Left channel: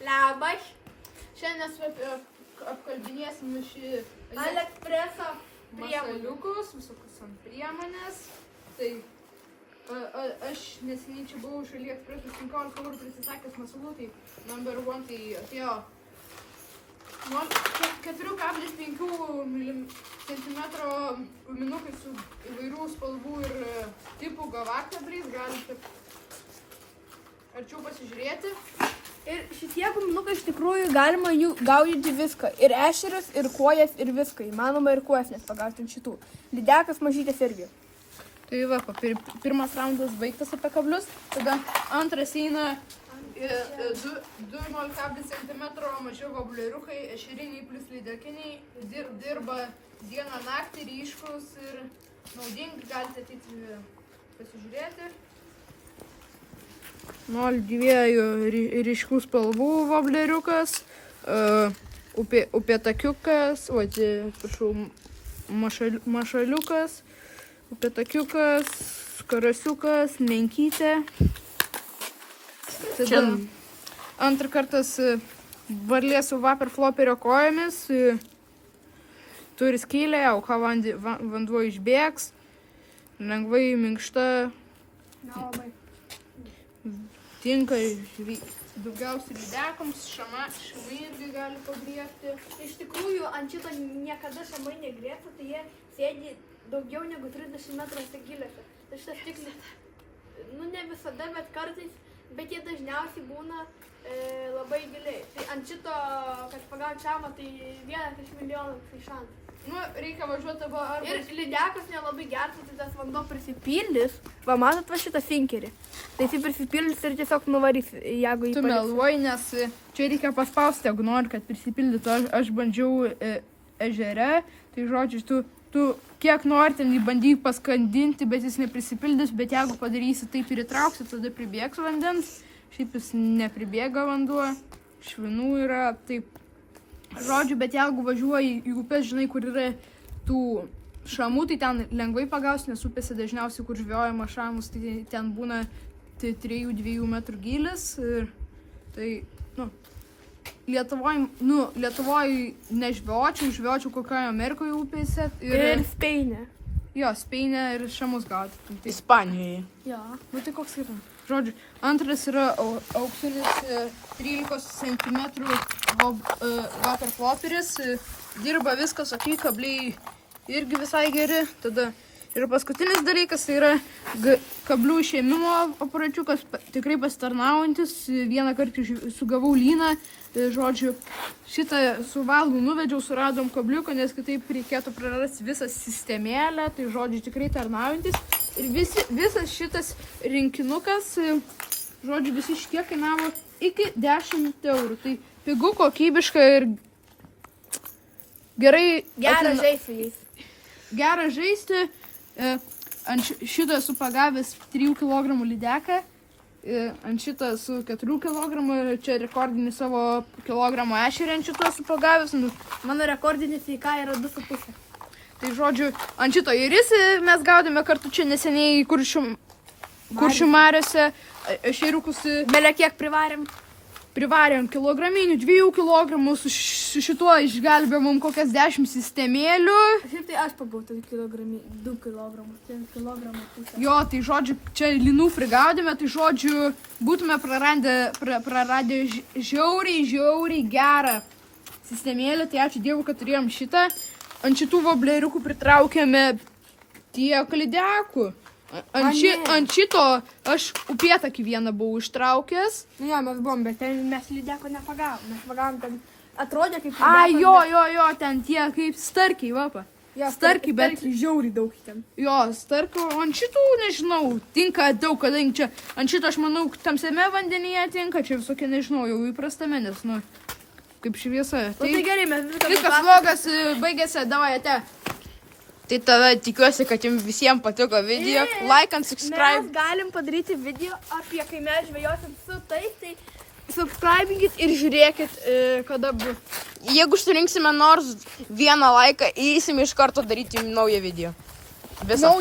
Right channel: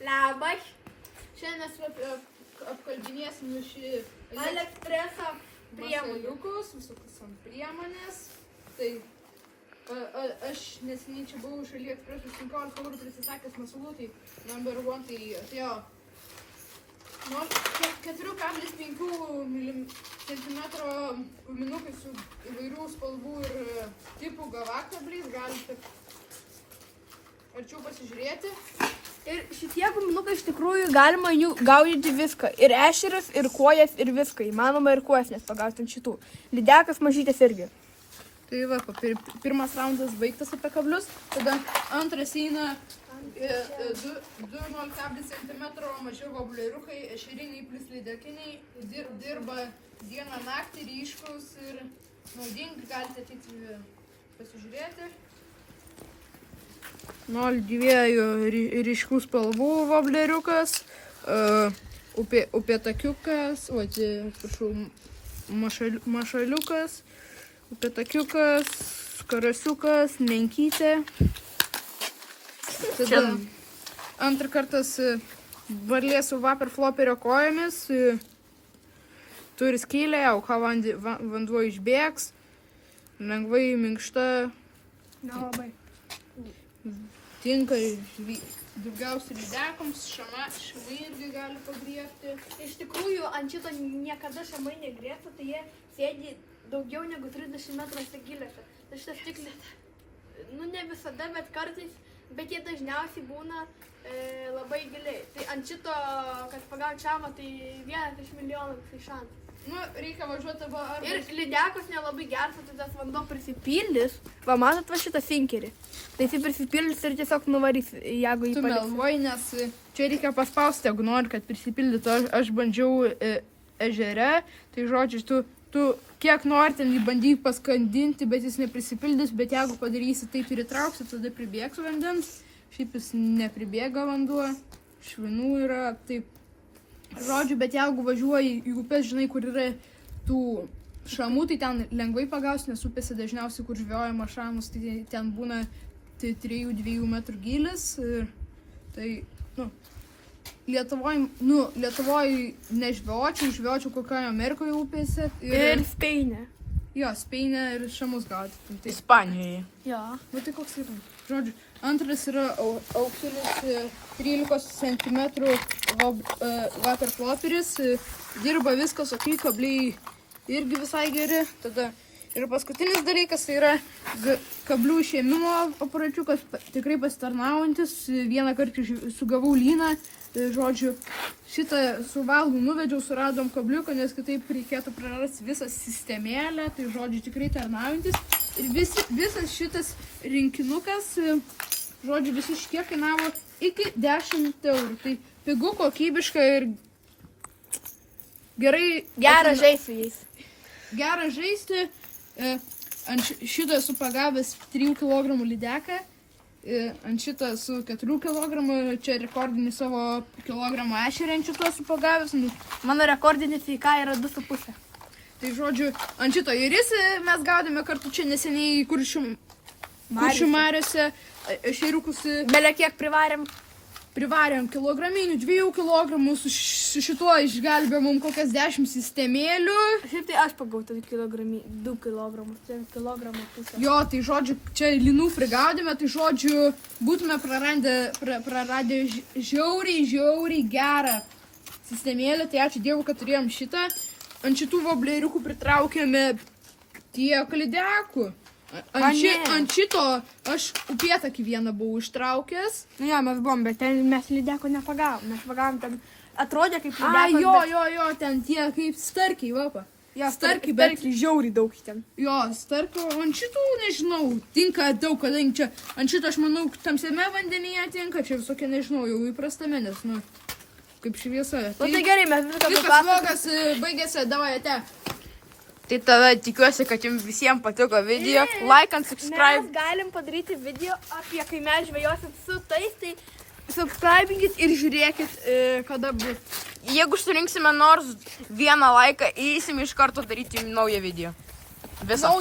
Labas. Šiandien mes apkalbinėsim šį Alekspreso masaliukus, visokius ant priemonės. Tai aš neseniai čia buvau iš AliExpress 15 eurų prisisakęs masalų, tai number one tai atėjo 4,5 cm guminukai su įvairių spalvų ir tipų gavaktabriais, galite arčiau pasižiūrėti. Ir šitie guminukai iš tikrųjų galima jų gaudyti viską. Ir ešerius, ir kuojas, ir viską. Įmanoma ir kuojas, nes pagauti ant šitų. Lydekas mažytės irgi. Tai va, pirmas raundas baigtas apie kablius, tada antras eina 2,0 cm mažiau vobleriukai, ešeriniai plus lydekiniai, dirba dieną naktį, ryškus ir naudingi, galite ateiti pasižiūrėti. 0,2 ryškų spalvų vobleriukas, upėtakiukas, mašaliukas, upėtakiukas, karasiukas, menkytė. Tada antrą kartas varlė su vaporfloperio kojomis, turi skylę, auka vanduo išbėgs, lengvai minkšta, tinka daugiausiai lydekams, šamai irgi gali pagriebti. Iš tikrųjų, ant šito niekada šamai negrėbtų, tai jie sėdi daugiau negu 30 metruose giliuose. Tai šitas stiklis, ne visada, bet kartais, bet jie dažniausiai būna labai giliai. Tai ant šito, kad pagauti šamą, tai 1 iš milijonų tai šansas. Reikia važiuoti arba... Ir lydekas nelabai gertų, tai tas vanduo prisipildys. Va, matot va šitą sinkerį. Tai jis prisipildys ir tiesiog nuvarys, jeigu jį paliks. Tu meluoji, nes čia reikia paspausti, jeigu nori, kad prisipildytų. Aš bandžiau ežere, tai žodžiu, tu kiek nori ten jį bandyk paskandinti, bet jis neprisipildys, bet jeigu padarysi taip ir įtrauksi, tada pribėgs vandens. Šiaip jis nepribėga vanduo, švinų yra, taip. Žodžiu, bet jeigu važiuoji į upės, žinai, kur yra tų šamų, tai ten lengvai pagaus, nes upėse dažniausiai, kur žvejojama šamus, tai ten būna 3-2 metrų gilis. Ir tai, Lietuvoj nežvejočiau kokioje Amerikoje upėse. Ir Speinė. Jo, Speinė ir šamus gauti. Ispanijoje. Jo. Tai koks yra? Žodžiu, antras yra auksinis 13 cm vaporfloperis. Dirba viskas, kabliai irgi visai geri. Tada ir paskutinis dalykas tai yra kablių išėmimo aparačiukas, tikrai pasitarnaujantis. Vieną kartą sugavau lyną. Žodžiu, šitą su valgu nuvedžiau, suradom kabliuką, nes kitaip reikėtų prarasti visą sistemėlę. Tai žodžiu, tikrai tarnaujantis. Ir visas šitas rinkinukas, žodžiu, visi šitie kainavo iki 10 eurų. Tai pigu, kokybiška ir gerai... Geras žaislys. Geras žaisti. Ant šitą esu pagavęs 3 kg lydeką. Ant šitą su 4 kg. Čia rekordinį savo kilogramą ešerį ant šitą esu pagavęs. Mano rekordinė feika yra 2,5. Tai žodžiu, ant šito iris mes gaudėme kartu čia neseniai Kuršių mariose ešeriukus. Belė kiek privarėm? Privarėm kilograminių, 2 kg, su šituo išgelbėjom kokias 10 sistemėlių. Šiaip tai aš pagautų 2 kg. Jo, tai žodžiu, čia linų prigaudėme, tai žodžiu, būtume praradę žiauriai gerą sistemėlį. Tai ačiū Dievui, kad turėjom šitą. Ant šitų vobleriukų pritraukėme tiek lydekų. Ant šito aš upėtakį vieną buvau ištraukęs. Jo, mes buvom, bet ten mes lydeko nepagavom. Mes pagavom ten, atrodė kaip lydekas. Jo, ten tie kaip starkiai, vapa. Starkiai, bet žiauriai daug ten. Jo, starkių, ant šitų nežinau, tinka daug, kadangi čia ant šito aš manau, tamsiame vandenyje tinka, čia visokie nežinau, jau įprastame, nes, kaip šviesa. Tai gerai, mes viskas vlogas baigėsi, davai, ate. Tai tada tikiuosi, kad jums visiems patiko video. Like and subscribe. Mes galim padaryti video apie kai mes žvejosim su tais, tai subscribinkit ir žiūrėkit, kada bus. Jeigu surinksime nors vieną laiką, įeisim iš karto daryti naują video. Viskas.